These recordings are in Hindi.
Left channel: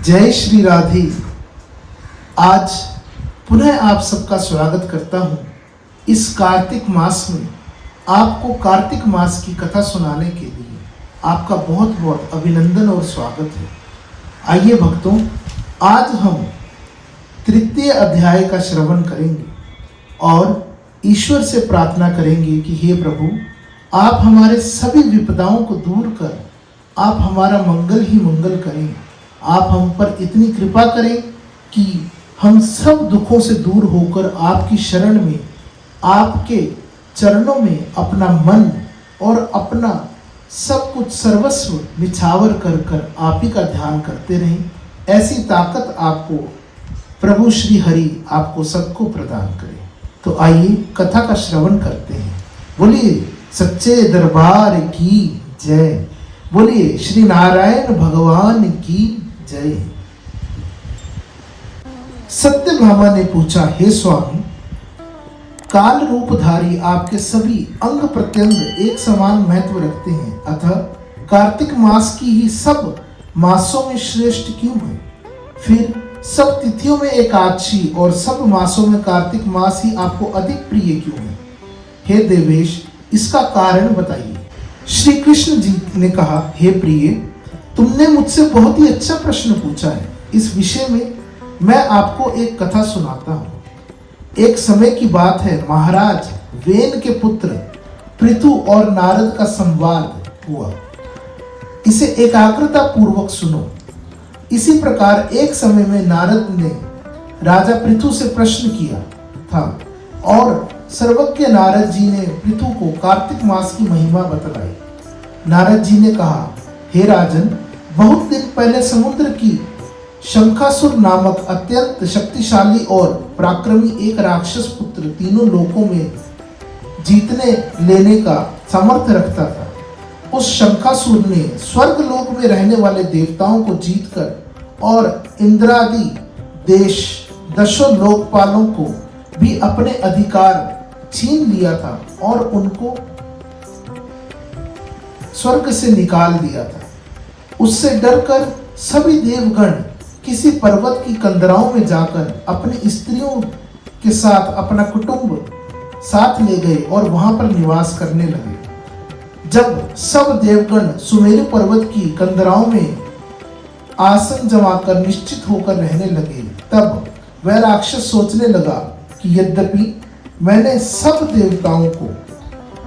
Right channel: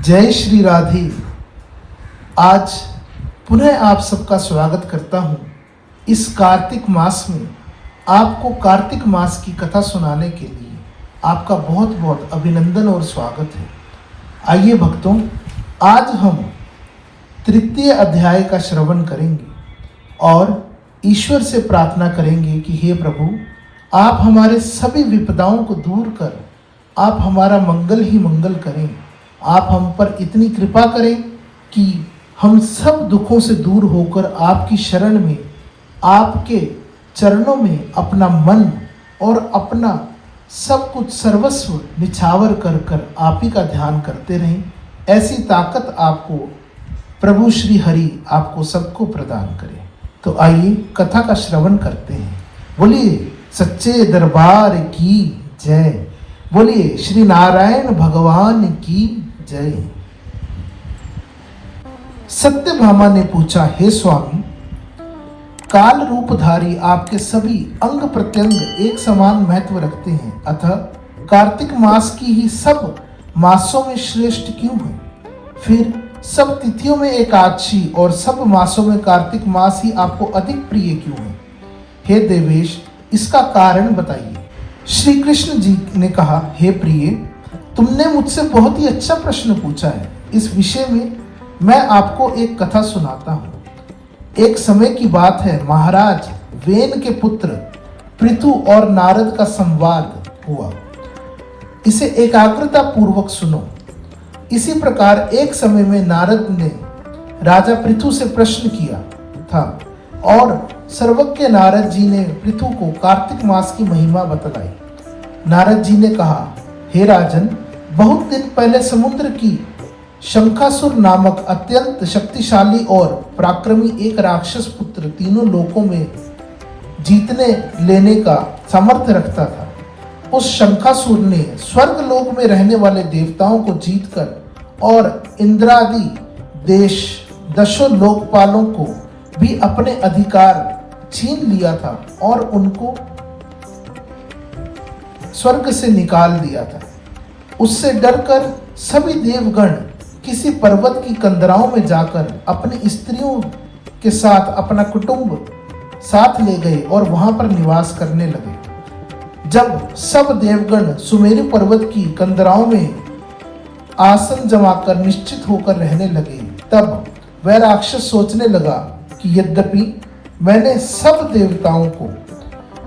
जय श्री राधे। आज पुनः आप सबका स्वागत करता हूँ इस कार्तिक मास में। आपको कार्तिक मास की कथा सुनाने के लिए आपका बहुत बहुत अभिनंदन और स्वागत है। आइए भक्तों, आज हम तृतीय अध्याय का श्रवण करेंगे और ईश्वर से प्रार्थना करेंगे कि हे प्रभु, आप हमारे सभी विपदाओं को दूर कर आप हमारा मंगल ही मंगल करें। आप हम पर इतनी कृपा करें कि हम सब दुखों से दूर होकर आपकी शरण में, आपके चरणों में अपना मन और अपना सब कुछ सर्वस्व निछावर कर कर आप ही का ध्यान करते रहें। ऐसी ताकत आपको प्रभु श्री हरि आपको सबको प्रदान करें। तो आइए कथा का श्रवण करते हैं। बोलिए सच्चे दरबार की जय। बोलिए श्री नारायण भगवान की जय। सत्यभामा ने पूछा, हे स्वामी, काल रूपधारी आपके सभी अंग प्रत्यंग एक समान महत्व रखते हैं, अतः कार्तिक मास की ही सब मासों में श्रेष्ठ क्यों है? फिर सब तिथियों में एकादशी और सब मासों में कार्तिक मास ही आपको अधिक प्रिय क्यों है? हे देवेश, इसका कारण बताइए। श्री कृष्ण जी ने कहा, हे प्रिय, तुमने मुझसे बहुत ही अच्छा प्रश्न पूछा है। इस विषय में मैं आपको एक कथा सुनाता हूँ। एक समय की बात है, महाराज वेन के पुत्र पृथु और नारद का संवाद हुआ। इसे एकाग्रता पूर्वक सुनो। इसी प्रकार एक समय में नारद ने राजा पृथु से प्रश्न किया था और सर्वज्ञ नारद जी ने पृथु को कार्तिक मास की महिमा बतलाई। नारद जी ने कहा, हे राजन, बहुत दिन पहले समुद्र की शंखासुर नामक अत्यंत शक्तिशाली और पराक्रमी एक राक्षस पुत्र तीनों लोकों में जीतने लेने का सामर्थ्य रखता था। उस शंखासुर ने स्वर्ग लोक में रहने वाले देवताओं को जीतकर और इंद्रादि देश दशों लोकपालों को भी अपने अधिकार छीन लिया था और उनको स्वर्ग से निकाल दिया था। उससे डरकर सभी देवगण किसी पर्वत की कंदराओं में जाकर अपनी स्त्रियों के साथ अपना कुटुंब साथ ले गए और वहां पर निवास करने लगे। जब सब देवगण सुमेरु पर्वत की कंदराओं में आसन जमाकर निश्चित होकर रहने लगे, तब वह राक्षस सोचने लगा कि यद्यपि मैंने सब देवताओं को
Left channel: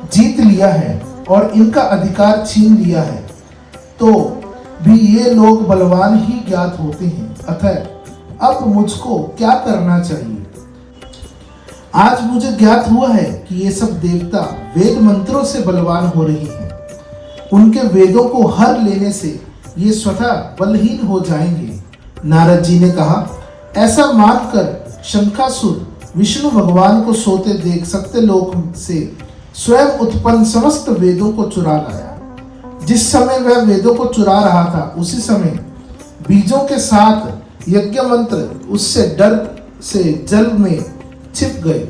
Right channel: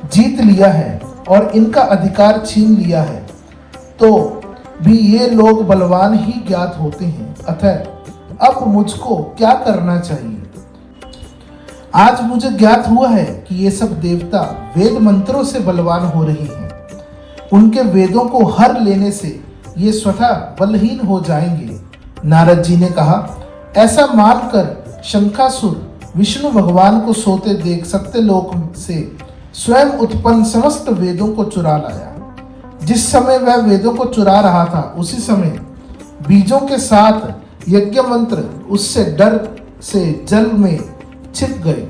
जीत लिया है और इनका अधिकार छीन लिया है, तो भी ये लोग बलवान ही ज्ञात होते हैं, अतः अब मुझको क्या करना चाहिए? आज मुझे ज्ञात हुआ है कि ये सब देवता वेद मंत्रों से बलवान हो रहे हैं। उनके वेदों को हर लेने से ये स्वतः बलहीन हो जाएंगे। नारद जी ने कहा, ऐसा मानकर शंखासुर विष्णु भगवान को सोते देख सत्य लोक से स्वयं उत्पन्न समस्त वेदों को चुरा लाया। जिस समय वह वेदों को चुरा रहा था, उसी समय बीजों के साथ यज्ञ मंत्र उससे डर से जल में छिप गए।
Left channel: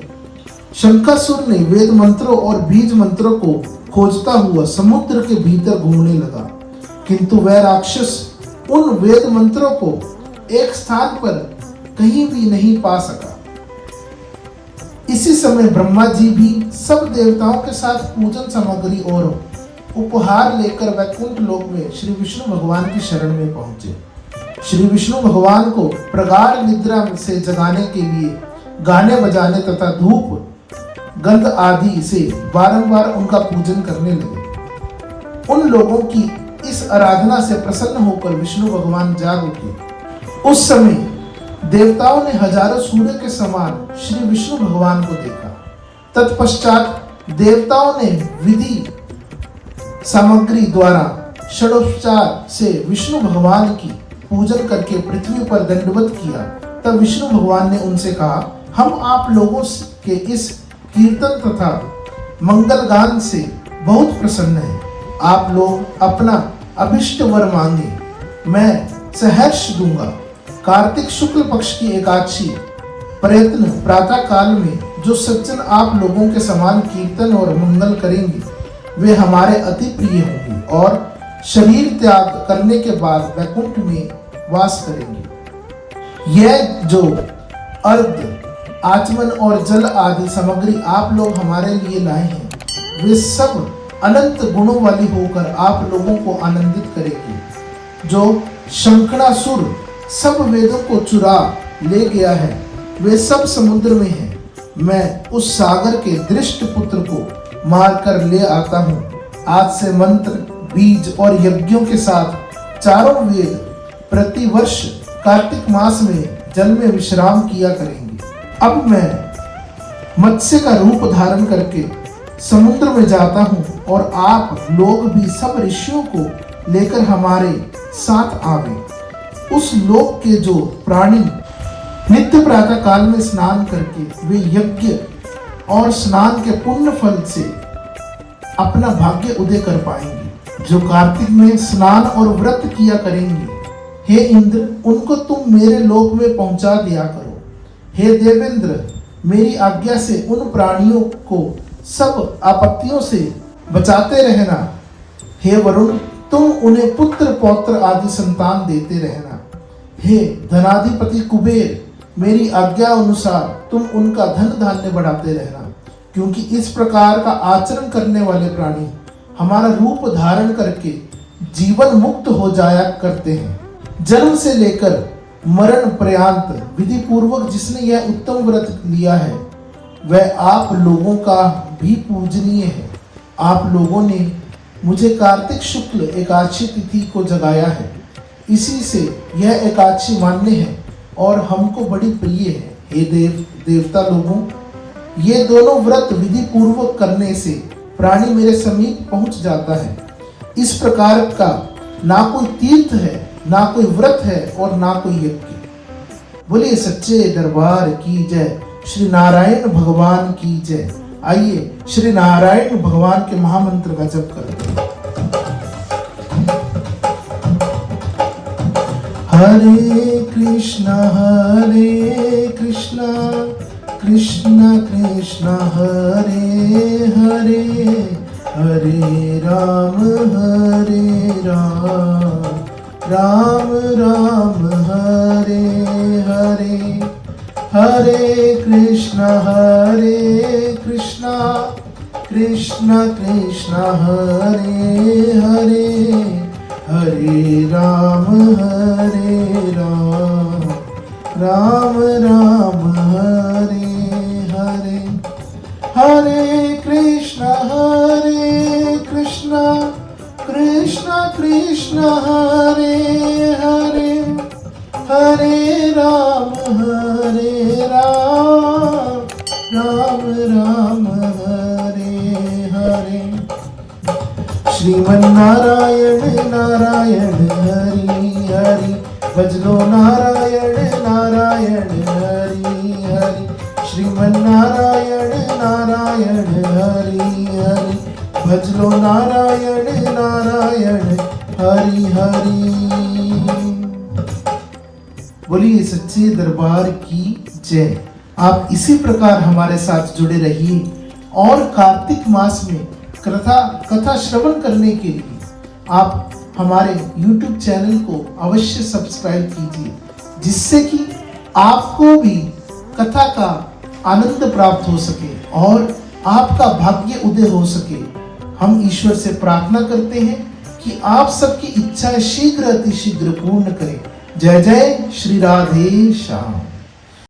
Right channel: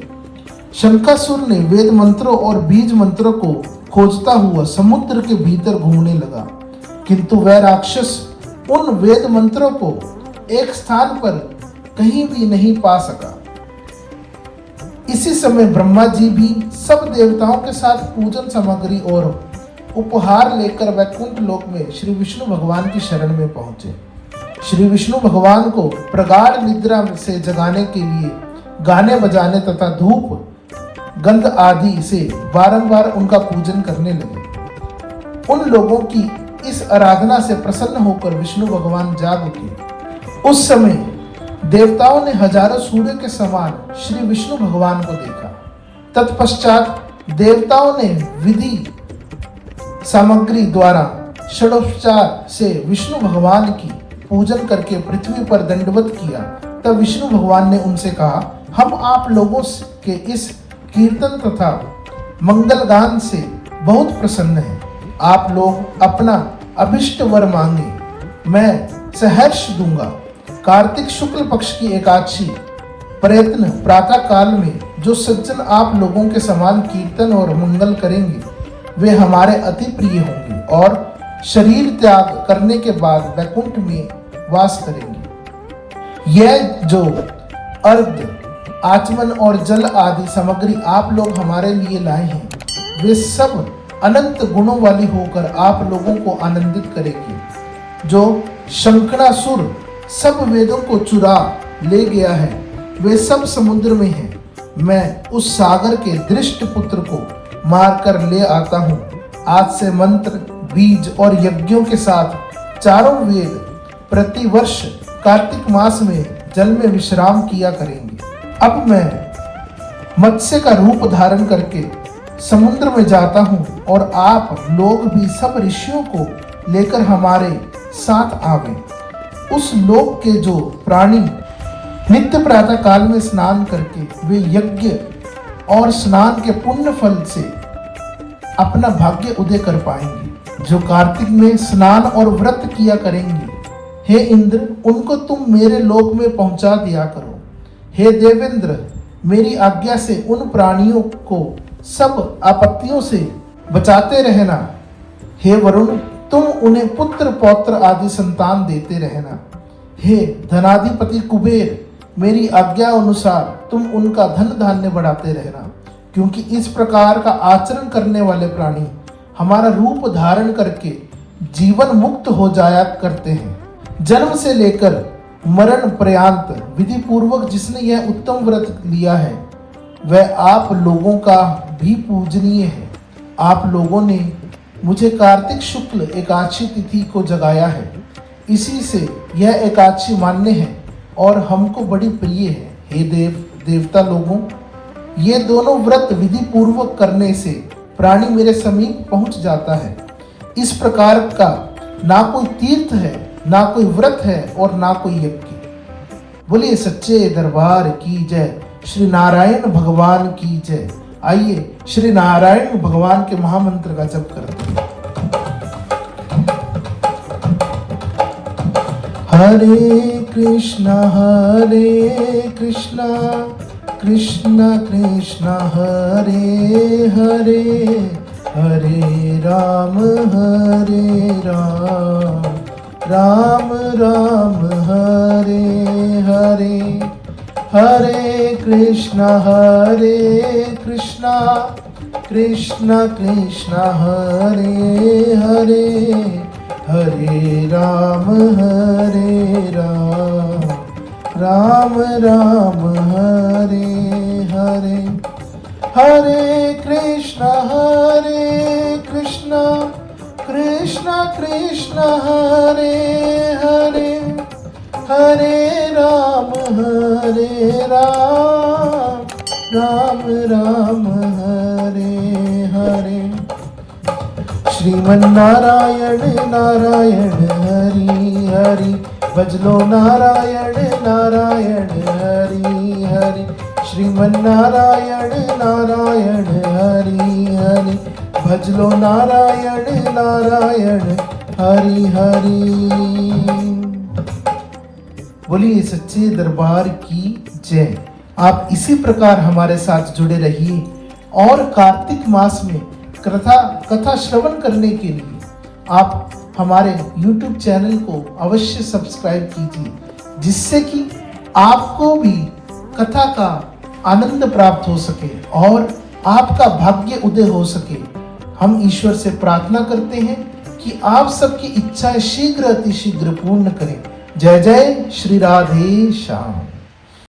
शंखासुर ने वेद मंत्रों और बीज मंत्रों को खोजता हुआ समुद्र के भीतर घूमने लगा, किंतु वह राक्षस उन वेद मंत्रों को एक स्थान पर कहीं भी नहीं पा सका। इसी समय ब्रह्मा जी भी सब देवताओं के साथ पूजन सामग्री और उपहार लेकर वैकुंठ लोक में श्री विष्णु भगवान की शरण में पहुंचे। श्री विष्णु भगवान को प्रगाढ़ निद्रा से जगाने के लिए गाने बजाने तथा धूप गंध आदि से बारंबार उनका पूजन करने लगे। उन लोगों की इस आराधना से प्रसन्न होकर विष्णु भगवान जाग उठे। उस समय देवताओं ने हजारों सूर्य के समान श्री विष्णु भगवान को देखा। तत्पश्चात देवताओं ने विधि सामग्री द्वारा षडोपचार से विष्णु भगवान की पूजन करके पृथ्वी पर दंडवत किया। तब विष्णु भगवान ने उनसे कहा, हम आप लोगों के इस कीर्तन तथा मंगल गान से बहुत प्रसन्न हैं। आप लोग अपना अभिष्ट वर मांगे, मैं सहर्ष दूंगा। कार्तिक शुक्ल पक्ष की एकादशी प्रयत्न प्रातः काल में जो सज्जन आप लोगों के समान कीर्तन और मंगल करेंगे, वे हमारे अति प्रिय होंगे और शरीर त्याग करने के बाद वैकुंठ में वास करेंगे। यह जो अर्ध, आचमन और जल आदि सामग्री आप लोग हमारे लिए लाए हैं, वे सब अनंत गुणों वाली होकर आप लोगों को आनंदित करेगी। जो शंखनासुर सब वेदों को चुरा ले गया है, वे सब समुद्र में हैं। मैं उस सागर के दृष्ट पुत्र को मारकर ले आता हूँ। आज से मंत्र, बीज और यज्ञों के साथ चारों वेद प्रतिवर्ष कार्तिक मास में जल में विश्राम किया करेंगे। अब मैं मत्स्य का रूप धारण करके समुद्र में जाता हूँ और आप लोग भी सब ऋषियों को लेकर हमारे साथ आवे। उस लोक के जो प्राणी नित्य प्रातः काल में स्नान करके वे यज्ञ और स्नान के पुण्य फल से अपना भाग्य उदय कर पाएंगे, जो कार्तिक में स्नान और व्रत किया करेंगे, हे इंद्र, उनको तुम मेरे लोक में पहुंचा दिया करो। हे देवेंद्र, मेरी आज्ञा से उन प्राणियों को सब आपत्तियों से बचाते रहना। हे वरुण, तुम उन्हें पुत्र पौत्र आदि संतान देते रहना। हे धनाधिपति कुबेर, मेरी आज्ञा अनुसार तुम उनका धन धान्य बढ़ाते रहना, क्योंकि इस प्रकार का आचरण करने वाले प्राणी हमारा रूप धारण करके जीवन मुक्त हो जाया करते हैं। जन्म से लेकर मरण पर्यंत विधि पूर्वक जिसने यह उत्तम व्रत लिया है, वह आप लोगों का भी पूजनीय है। आप लोगों ने मुझे कार्तिक शुक्ल एकादशी तिथि को जगाया है, इसी से यह एकादशी मान्य है और हमको बड़ी प्रिय है। हे देवता लोगों, ये दोनों व्रत विधि पूर्वक करने से प्राणी मेरे समीप पहुंच जाता है। इस प्रकार का ना कोई तीर्थ है, ना कोई व्रत है और ना कोई यज्ञ। बोलिए सच्चे दरबार की जय, श्री नारायण भगवान की जय। आइए श्री नारायण भगवान के महामंत्र का जप करते हैं। हरे कृष्णा कृष्ण कृष्ण हरे हरे, हरे राम राम राम हरे हरे। हरे कृष्णा कृष्ण कृष्ण हरे हरे, हरे राम राम राम हरे हरे। हरे कृष्णा कृष्ण कृष्ण हरे हरे, हरे राम राम राम हरे हरे। श्रीमन्नारायण नारायण हरि हरि, भजलो नारायण नारायण हरि हरि। श्रीमन्नारायण नारायण हरि हरि, भजलो नारायण नारायण हरि हरि। बोलिए सच्चे दरबार की जय। आप इसी प्रकार हमारे साथ जुड़े रहिए और कार्तिक मास में कथा श्रवण करने के लिए आप हमारे YouTube चैनल को अवश्य सब्सक्राइब कीजिए, जिससे कि आपको भी कथा का आनंद प्राप्त हो सके और आपका भाग्य उदय हो सके। हम ईश्वर से प्रार्थना करते हैं कि आप सबकी इच्छाएं शीघ्र अतिशीघ्र पूर्ण करें। जय जय श्री राधे श्याम।